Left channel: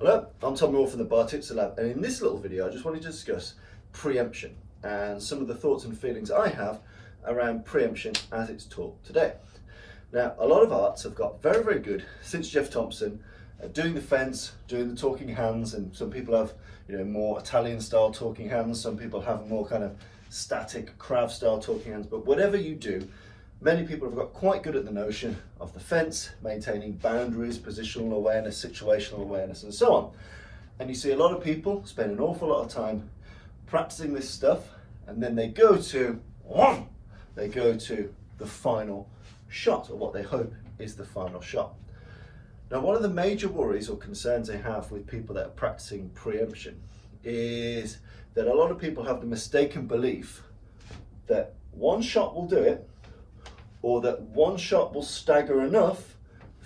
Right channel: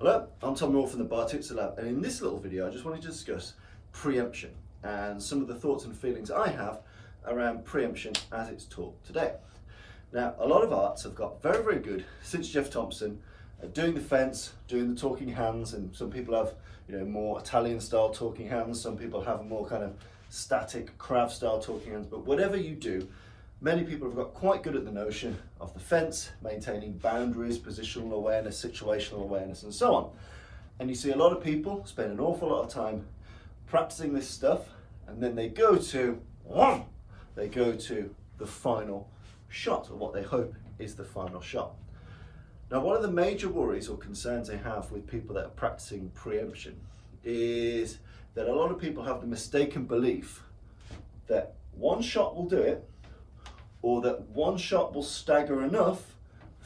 Hello, I'm Tom Moore from the Bartitsu Lab, and in this little video I just wanted to discuss preemption and some of the thoughts and feelings I have around preemption as it's taught today. Now, a lot of arts have got very, very good since Jeff Thompson at doing the fence, doing the talking hands, and some people have, more Italian style talking hands, some people have more kind of static craft style talking hands, but whatever you do, many people have got quite good at the notion of the fence, maintaining boundaries, positional awareness, situational awareness, and so on. And you see a lot of people spend an awful lot of time practicing this stuff, and then they go to the final shot, or what they hope is the final shot. Now, one of the major worries or concerns I have with people that are practicing preemption is that a lot of people have the mistaken belief that one shot will do it, or that one shot will stagger enough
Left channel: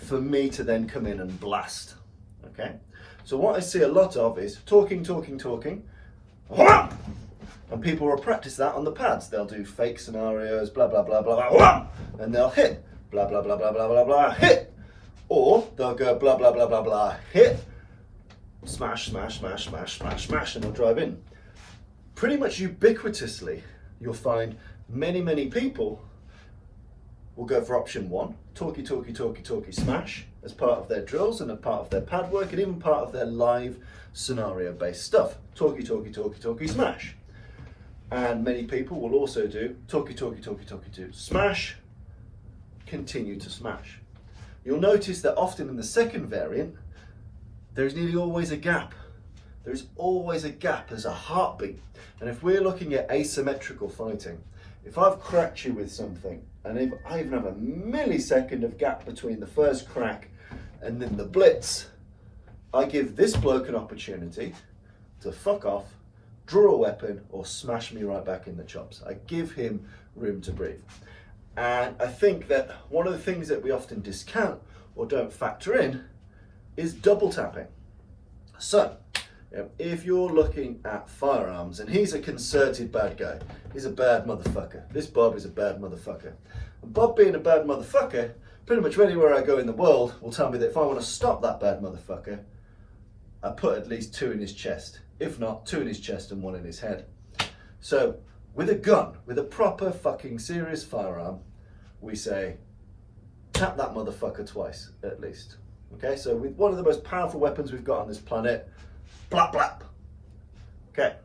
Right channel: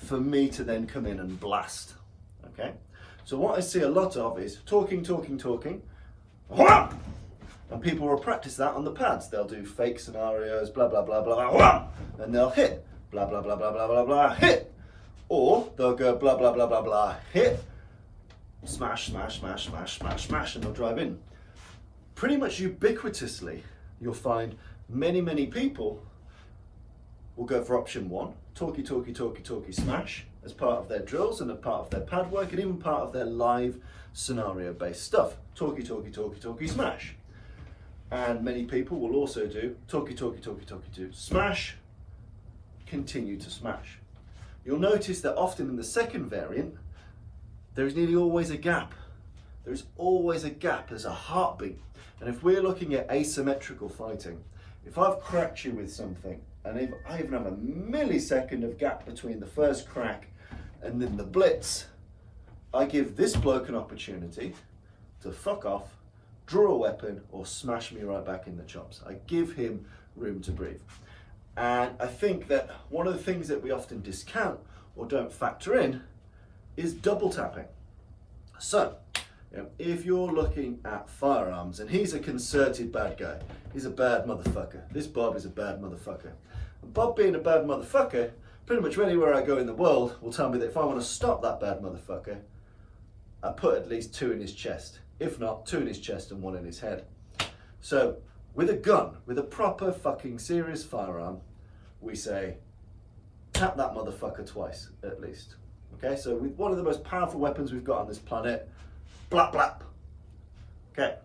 for me to then come in and blast. Okay? So what I see a lot of is talking, and people will practice that on the pads. They'll do fake scenarios, blah, blah, blah, blah, and they'll hit, blah, blah, blah, blah, blah, blah, blah, hit. Or they'll go blah, blah, blah, blah, blah, hit, smash, smash, smash, smash, smash, smash, and they'll drive in. Pretty much ubiquitously, you'll find many people will go for option one, talky, smash, as part of their drills and as part of their pad work and even part of their live scenario-based stuff. Talky, smash. And many people will also do talky, smash, continue to smash. You'll notice that often in the second variant, there's nearly always a gap. There's always a gap, there's a heartbeat. And if we're looking at asymmetrical fighting, if I've cracked you with something, and if I even have a millisecond of gap between the first crack and then the blitz, I give this bloke an opportunity to fuck off, draw a weapon, or smash me right back in the chops. I give him room to breathe. And I think that one of the things that we often discount or don't factor in is double tapping. So, if you're looking at firearms, and he's a concerted bad guy, he's a bad motherfucker. This Bob is a bad motherfucker. And Bob being a bad motherfucker, pretty much anywhere I go in the world will tell me that if I want to stop that bad motherfucker, I put at least 2 in his chest. If not, 2 in his chest and 1 in his head. So, with a gun, with a proper fucking serious firearm, we say, tap that motherfucker twice, at least. Okay, so with one of the most powerful weapons we've got on this planet, blap blap. Okay.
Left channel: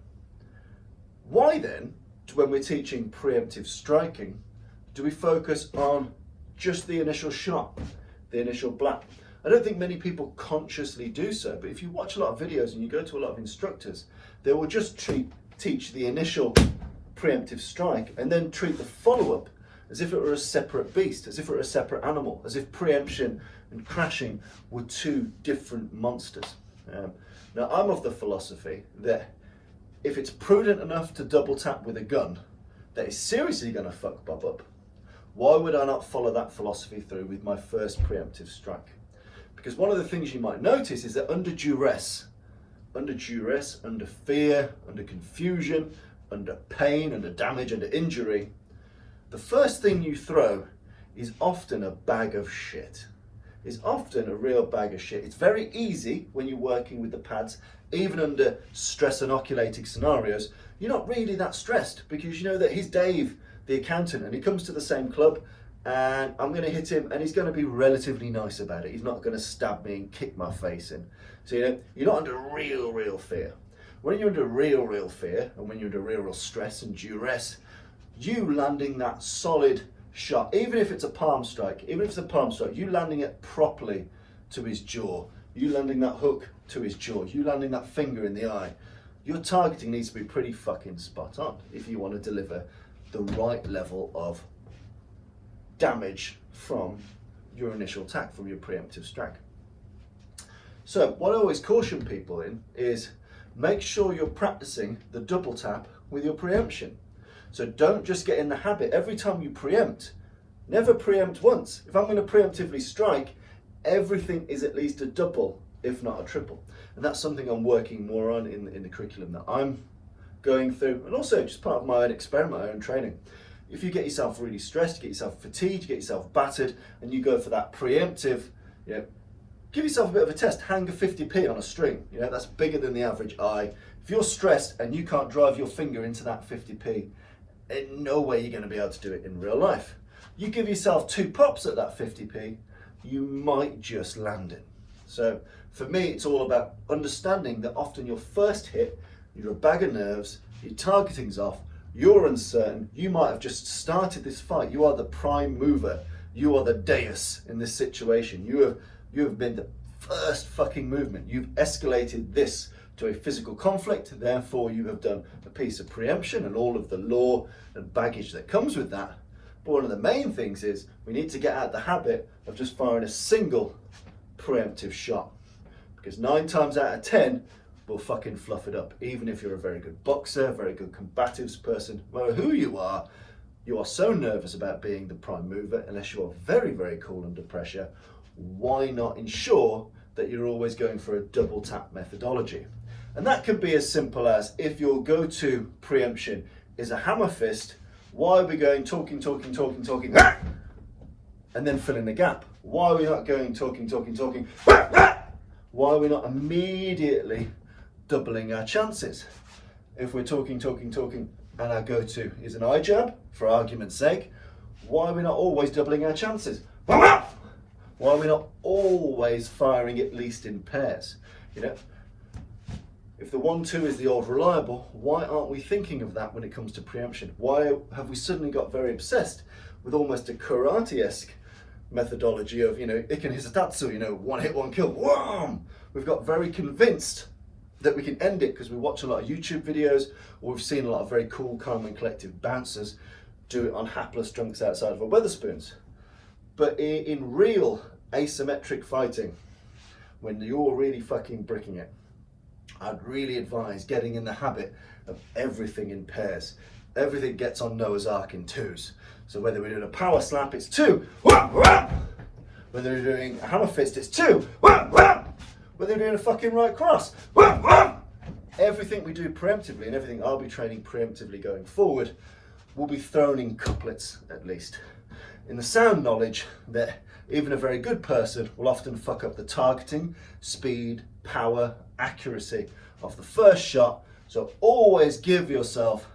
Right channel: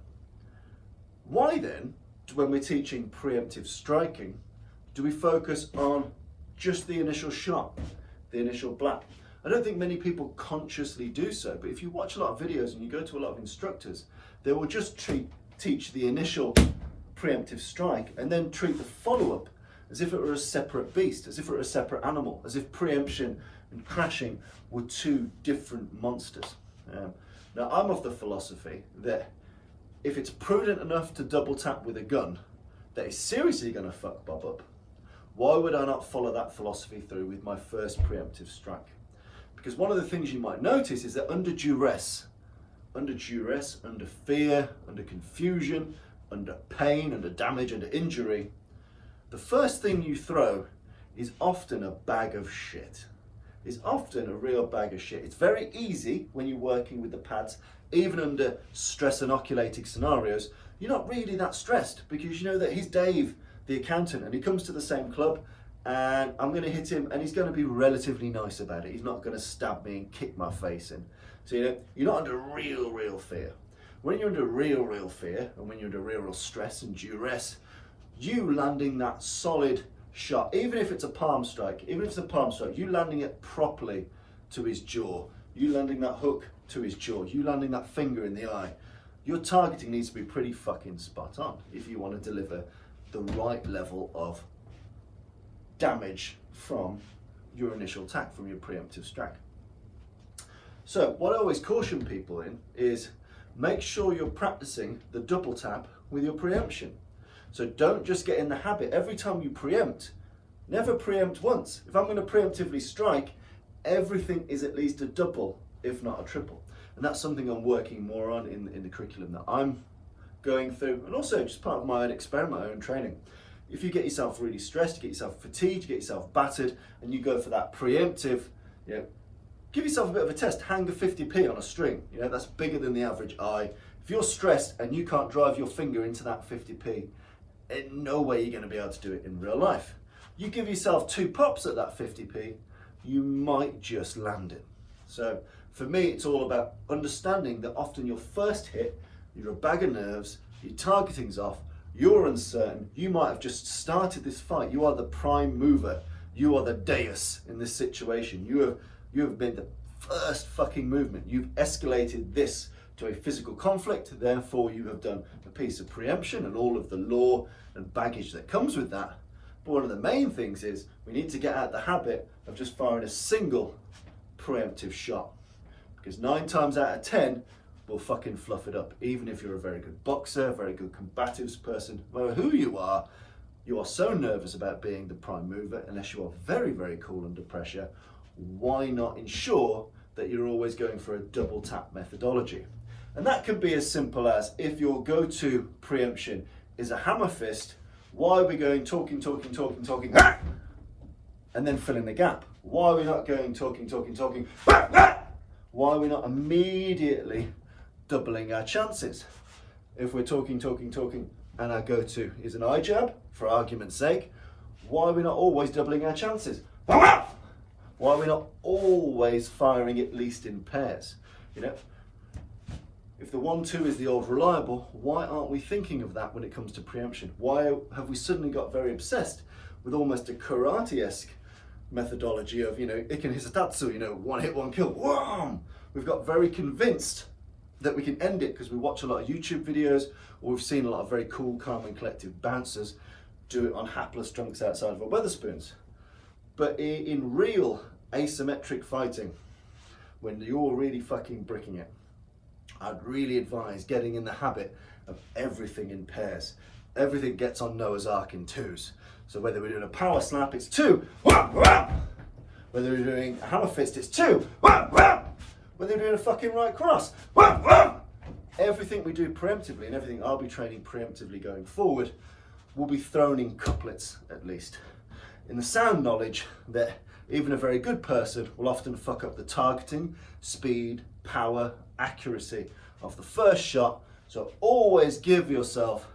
Why then, when we're teaching preemptive striking, do we focus on just the initial shot, the initial blap? I don't think many people consciously do so, but if you watch a lot of videos and you go to a lot of instructors, they will just teach the initial preemptive strike and then treat the follow-up as if it were a separate beast, as if it were a separate animal, as if preemption and crashing were 2 different monsters. Now, I'm of the philosophy that if it's prudent enough to double tap with a gun that is seriously going to fuck Bob up, why would I not follow that philosophy through with my first preemptive strike? Because one of the things you might notice is that under duress, under fear, under confusion, under pain, under damage, under injury, the first thing you throw is often a bag of shit. Is often a real bag of shit. It's very easy when you're working with the pads, even under stress inoculated scenarios, you're not really that stressed because you know that he's Dave, the accountant, and he comes to the same club and I'm going to hit him and he's going to be relatively nice about it. He's not going to stab me and kick my face in. So you're not under real fear. When you're under real fear and when you're under real stress and duress, you landing that solid shot, even if it's a palm strike, you landing it properly to his jaw, you landing that hook to his jaw, you landing that finger in the eye, your targeting needs to be pretty fucking spot on if you want to deliver the right level of damage from your initial attack, from your preemptive strike. So what I always caution people in is make sure you're practicing the double tap with your preemption. So don't just get in the habit, every time you preempt, never preempt once. If I'm going to preemptively strike, everything is at least a double, if not a triple. And that's something I'm working more on in the curriculum that I'm going through, and also just part of my own experiment, my own training. If you get yourself really stressed, you get yourself fatigued, you get yourself battered, and you go for that preemptive, give yourself a bit of a test. Hang a 50p on a string. You know, that's bigger than the average eye. If you're stressed and you can't drive your finger into that 50p, in no way you're going to be able to do it in real life. You give yourself 2 pops at that 50p, you might just land it. So for me, it's all about understanding that often your first hit, you're a bag of nerves, your targeting's off, you're uncertain, you might have just started this fight, you are the prime mover, you are the deus in this situation, you have been the first fucking movement, you've escalated this to a physical conflict, therefore you have done a piece of preemption and all of the lore and baggage that comes with that. But one of the main things is we need to get out of the habit of just firing a single preemptive shot, because 9 times out of 10 will fucking fluff it up. Even if you're a very good boxer, very good combatives person, no matter who you are so nervous about being the prime mover, unless you are very, very cool under pressure. Why not ensure that you're always going for a double tap methodology? And that could be as simple as, if your go-to preemption is a hammer fist, why are we going talking, and then filling the gap? Why are we not going talking, why are we not immediately doubling our chances? If we're talking, and our go-to is an eye jab, for argument's sake, why are we not always doubling our chances? Why are we not always firing at least in pairs? You know, if the 1-2 is the old reliable, why aren't we thinking of that when it comes to preemption? Why have we suddenly got very obsessed with almost a karate-esque methodology of, you know, iken hisatatsu, you know, 1 hit, 1 kill, wham! We've got very convinced that we can end it because we watch a lot of YouTube videos, or we've seen a lot of very cool, calm and collective bouncers do it on hapless drunks outside of our Wetherspoons. But in real asymmetric fighting, when you're really fucking bricking it, I'd really advise getting in the habit of everything in pairs. Everything gets on Noah's Ark in 2s. So whether we're doing a power slap, it's 2. Whether we're doing a hammer fist, it's 2. Whether we're doing a fucking right cross. Everything we do preemptively, and everything I'll be training preemptively going forward, will be thrown in couplets at least. In the sound knowledge that even a very good person will often fuck up the targeting, speed, power, accuracy of the first shot. So always give yourself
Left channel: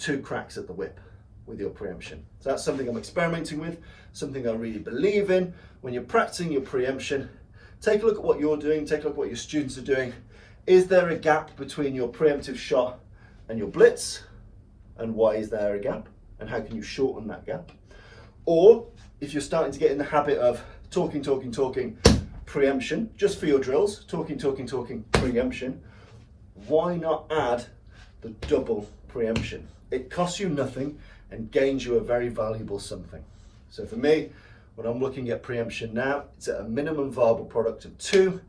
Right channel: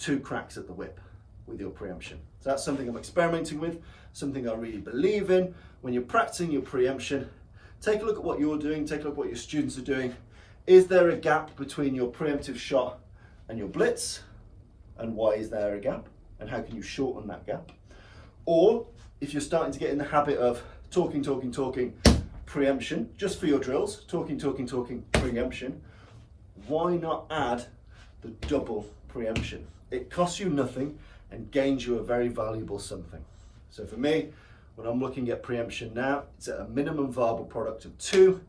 2 cracks at the whip with your preemption. So that's something I'm experimenting with, something I really believe in. When you're practicing your preemption, take a look at what you're doing, take a look at what your students are doing. Is there a gap between your preemptive shot and your blitz? And why is there a gap? And how can you shorten that gap? Or if you're starting to get in the habit of talking, preemption, just for your drills, talking, preemption, why not add the double preemption? It costs you nothing and gains you a very valuable something. So for me, when I'm looking at preemption now, it's at a minimum viable product of 2.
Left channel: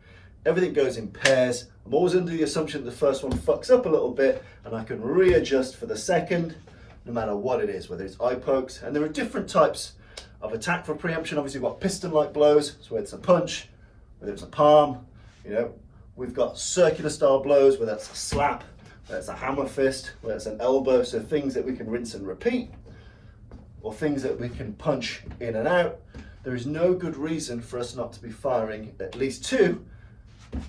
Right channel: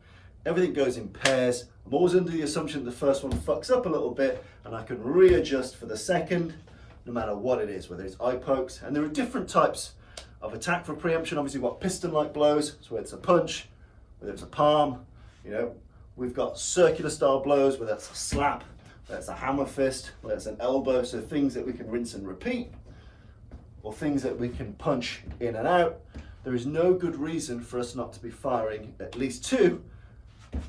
Everything goes in pairs. I'm always under the assumption that the first one fucks up a little bit and I can readjust for the second, no matter what it is, whether it's eye pokes. And there are different types of attack for preemption. Obviously, we've got piston-like blows, so whether it's a punch, whether it's a palm, you know, we've got circular style blows, whether it's a slap, whether it's a hammer fist, whether it's an elbow, so things that we can rinse and repeat, or things that we can punch in and out. There is no good reason for us not to be firing at least 2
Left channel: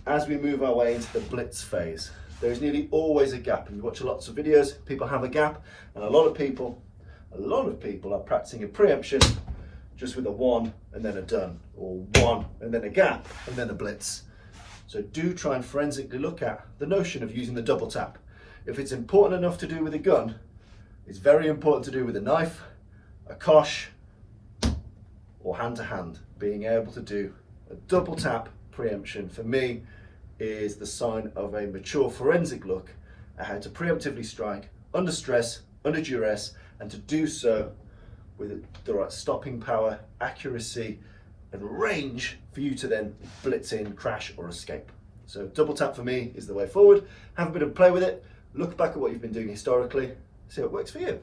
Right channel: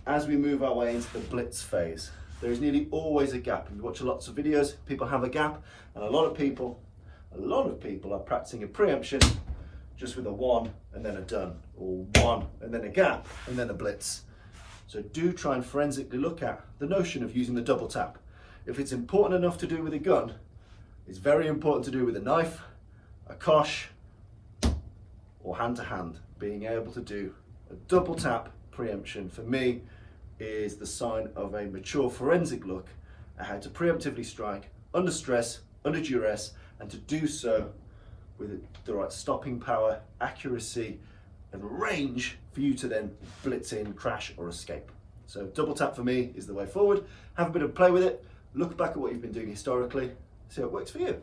as we move our way into the blitz phase. There is nearly always a gap, and you watch lots of videos, people have a gap, and a lot of people are practicing a preemption just with a 1 and then a done, or 1 and then a gap and then a blitz. So do try and forensically look at the notion of using the double tap. If it's important enough to do with a gun, it's very important to do with a knife, a kosh, or hand to hand. Being able to do a double tap preemption, for me, is the sign of a mature forensic look at how to preemptively strike under stress, under duress, and to do so with the right stopping power, accuracy, and range for you to then blitz in, crash, or escape. So double tap for me is the way forward. Have a bit of play with it, look back at what you've been doing historically, see how it works for you.